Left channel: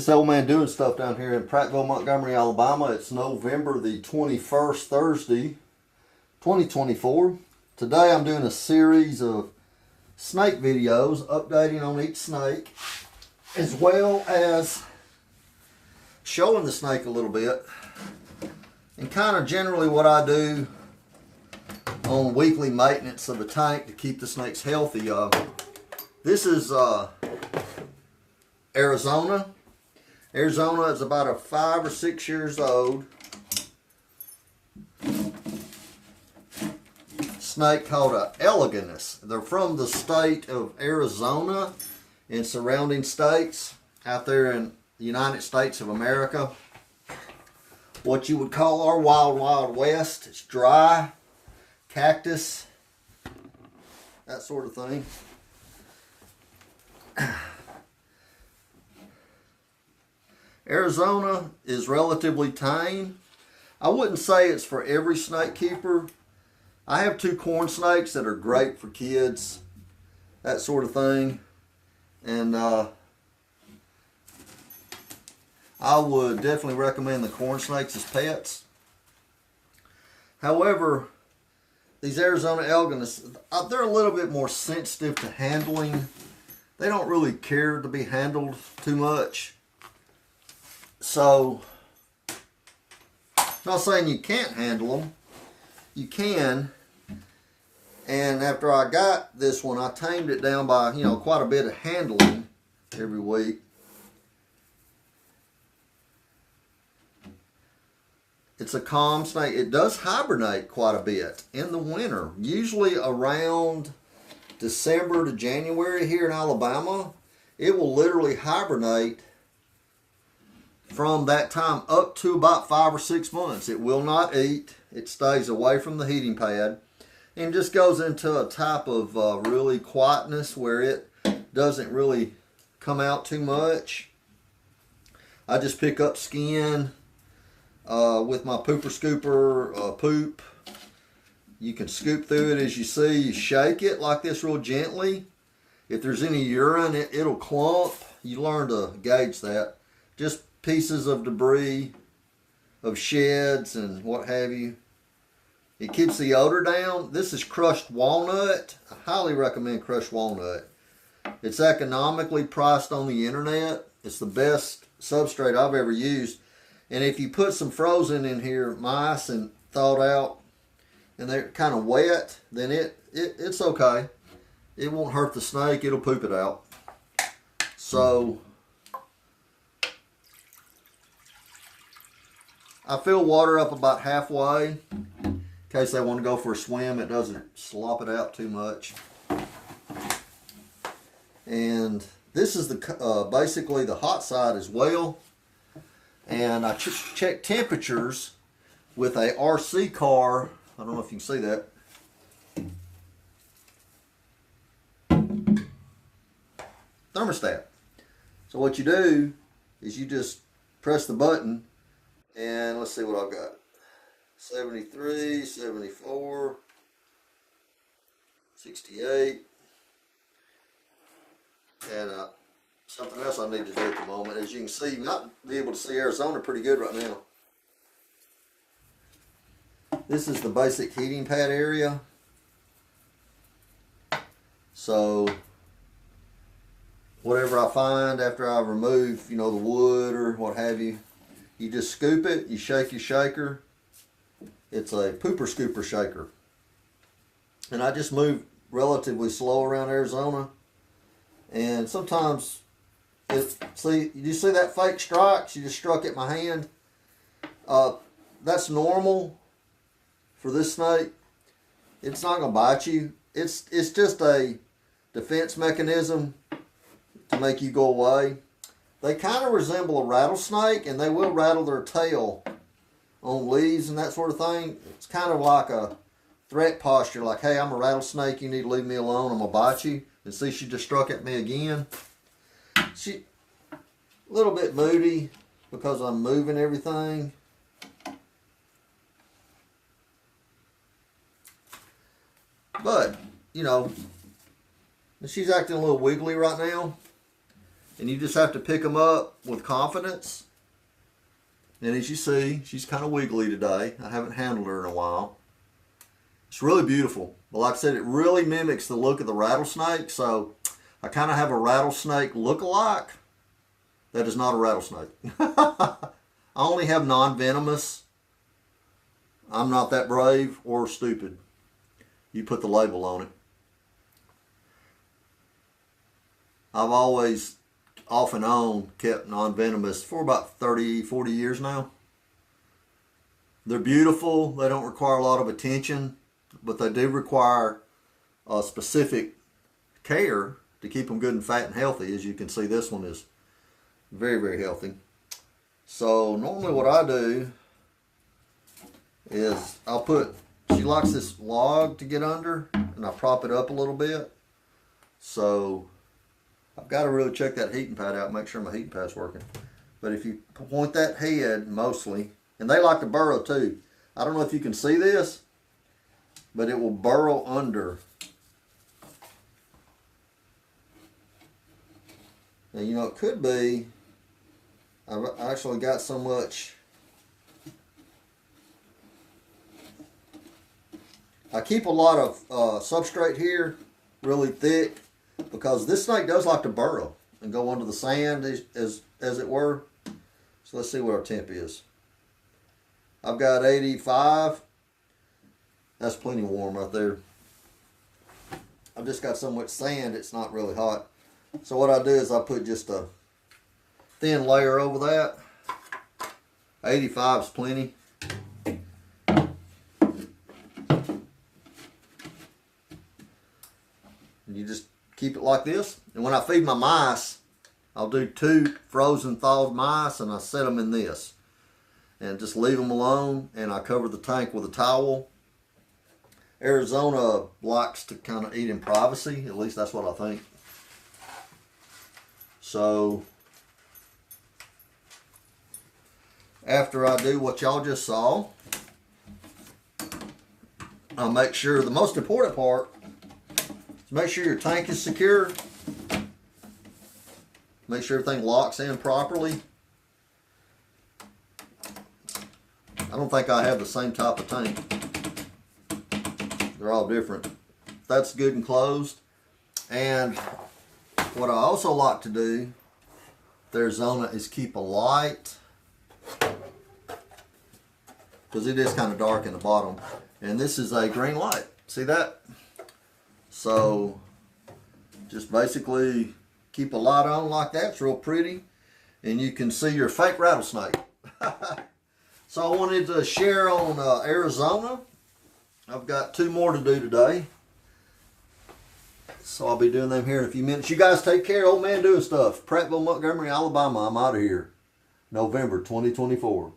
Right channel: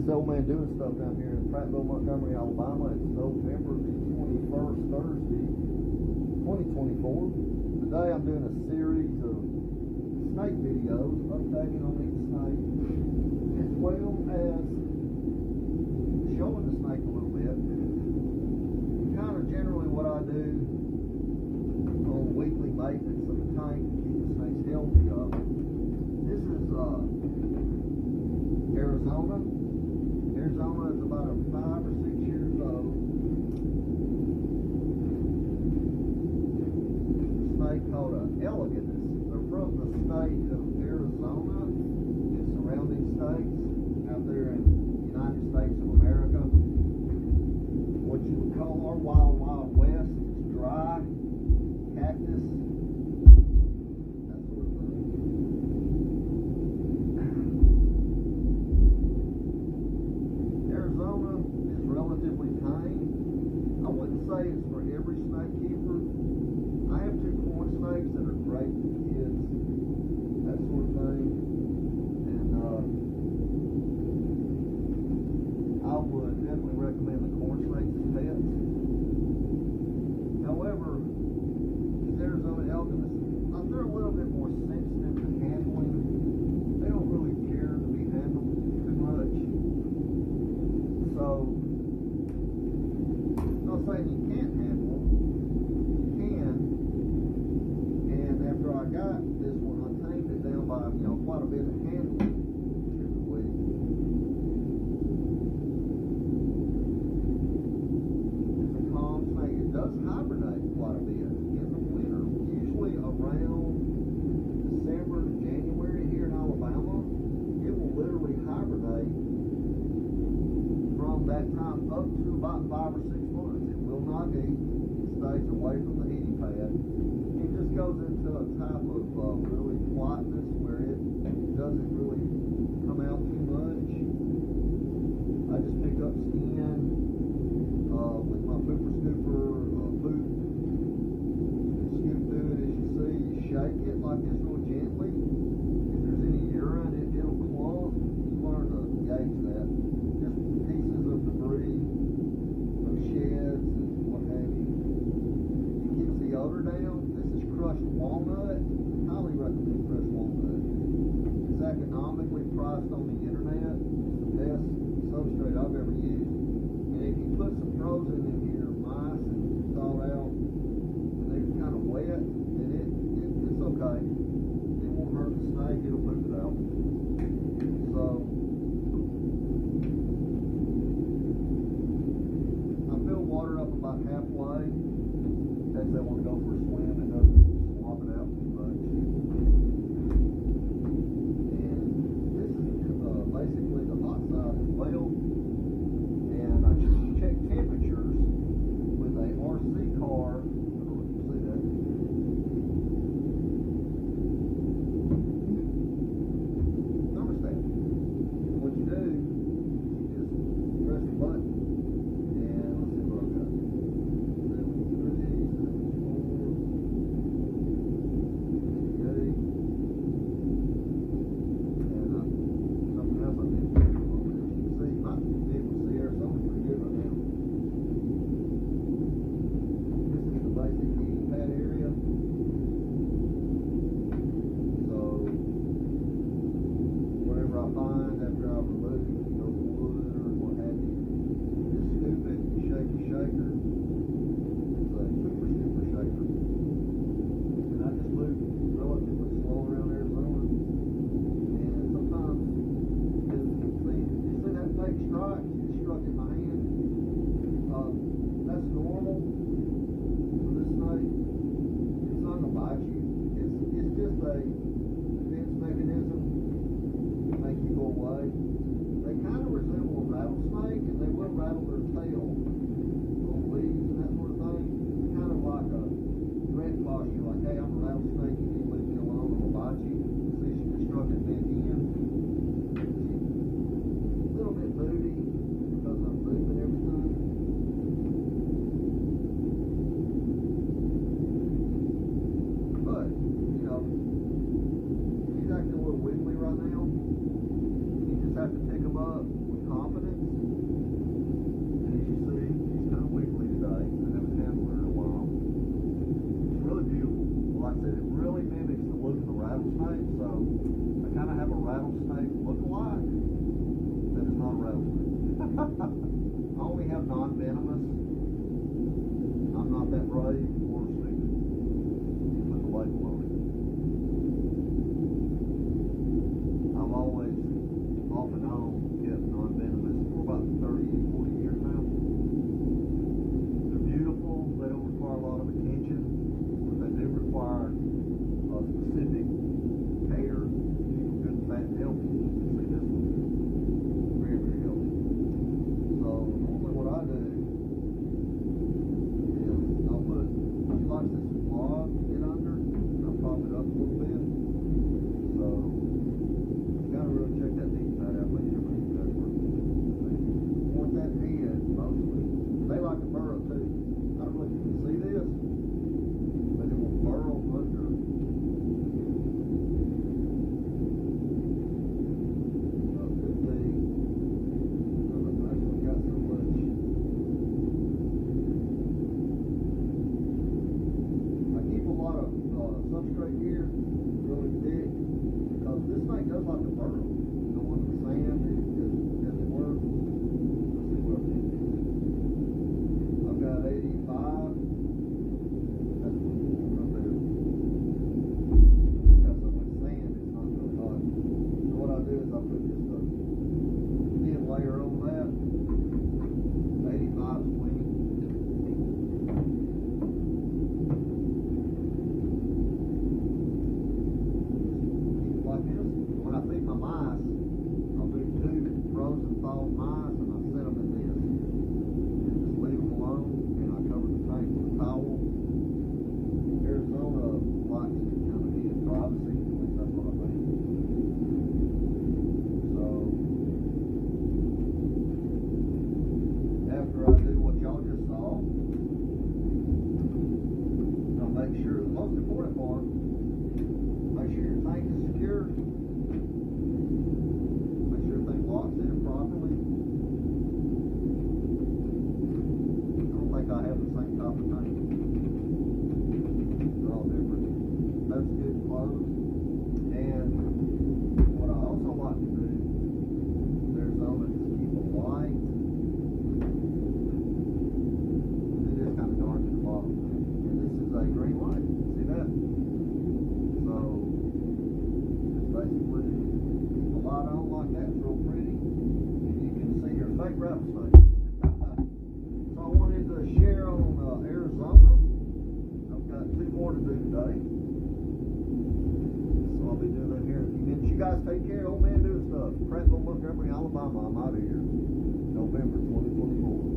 This old man doing stuff down here in Prattville, Montgomery, Alabama. It's November the 21st, Thursday, 2024. Today I'm doing a series of snake videos, updating on each snake, as well as showing the snake a little bit, and kind of generally what I do on weekly maintenance of the tank to keep the snakes healthy. This is Arizona. Arizona is about 5 or 6 years old. Snake called a Eleganas. They're from the state of Arizona and surrounding states out there in the United States of America. What you would call our wild west. It's dry, cactus, that sort of thing. Arizona is relatively tame. I wouldn't say it's for every snake keeper. I have 2 corn snakes that are great for kids, that sort of thing. And I would definitely recommend the corn snakes as pets. However, these Arizona Eleganas, they're a little bit more sensitive to handling. They don't really care to be handled too much. So, I'm not saying you can't handle them. You can. And after I got this one, I tamed it down by, quite a bit of handling every week. It's a calm snake. It does hibernate quite a bit in the winter. Usually around December to January here in Alabama, it will literally hibernate from that time up to about 5 or 6 months. It will not eat. It stays away from the heating pad and just goes into a type of really quietness where it doesn't really come out too much. I just pick up skin with my pooper scooper poop. You can scoop through it as you see. You shake it like this real gently. If there's any urine, it'll clump. You learn to gauge that. Just pieces of debris, of sheds and what have you. It keeps the odor down. This is crushed walnut. I highly recommend crushed walnut. It's economically priced on the internet. It's the best substrate I've ever used. And if you put some frozen in here, mice and thawed out, and they're kind of wet, then it's okay. It won't hurt the snake. It'll poop it out. So I fill water up about halfway in case they want to go for a swim. It doesn't slop it out too much. And this is the basically the hot side as well. And I check temperatures with a RC car. I don't know if you can see that. Thermostat. So what you do is you just press the button. And let's see what I've got. 73, 74, 68. And something else I need to do at the moment. As you can see, you might be able to see Arizona pretty good right now. This is the basic heating pad area. So whatever I find after I remove, the wood or what have you, you just scoop it, you shake your shaker. It's a pooper scooper shaker. And I just move relatively slow around Arizona. And sometimes, you see that fake strike? She just struck at my hand. That's normal for this snake. It's not gonna bite you. It's just a defense mechanism to make you go away. They kind of resemble a rattlesnake, and they will rattle their tail on leaves and that sort of thing. It's kind of like a threat posture, like, hey, I'm a rattlesnake, you need to leave me alone, I'm gonna bite you. And see, she just struck at me again. She a little bit moody because I'm moving everything. But, she's acting a little wiggly right now. And you just have to pick them up with confidence. And as you see, she's kind of wiggly today. I haven't handled her in a while. It's really beautiful. Like I said, it really mimics the look of the rattlesnake, so I kind of have a rattlesnake look-alike that is not a rattlesnake. I only have non-venomous. I'm not that brave or stupid. You put the label on it. I've always, off and on, kept non-venomous for about 30, 40 years now. They're beautiful. They don't require a lot of attention, but they do require a specific care to keep them good and fat and healthy. As you can see, this one is very, very healthy. So normally what I do is I'll put, she likes this log to get under, and I prop it up a little bit. So I've got to really check that heating pad out, make sure my heating pad's working. But if you point that head mostly, and they like to burrow too. I don't know if you can see this, but it will burrow under. And you know, it could be, I've actually got so much, I keep a lot of substrate here, really thick, because this snake does like to burrow and go under the sand as it were. So let's see what our temp is. I've got 85. That's plenty warm right there. I've just got so much sand, it's not really hot. So what I do is I put just a thin layer over that. 85 is plenty. You just keep it like this. And when I feed my mice, I'll do 2 frozen thawed mice, and I set them in this. And just leave them alone, and I cover the tank with a towel. Arizona likes to kind of eat in privacy, at least that's what I think. So after I do what y'all just saw, I'll make sure, the most important part is make sure your tank is secure. Make sure everything locks in properly. I don't think I have the same type of tank. They're all different. That's good and closed. And what I also like to do with Arizona is keep a light, because it is kind of dark in the bottom. And this is a green light. See that? So just basically keep a light on like that. It's real pretty. And you can see your fake rattlesnake. So I wanted to share on Arizona. I've got 2 more to do today. So I'll be doing them here in a few minutes. You guys take care. Old man doing stuff. Prattville, Montgomery, Alabama. I'm out of here. November 2024.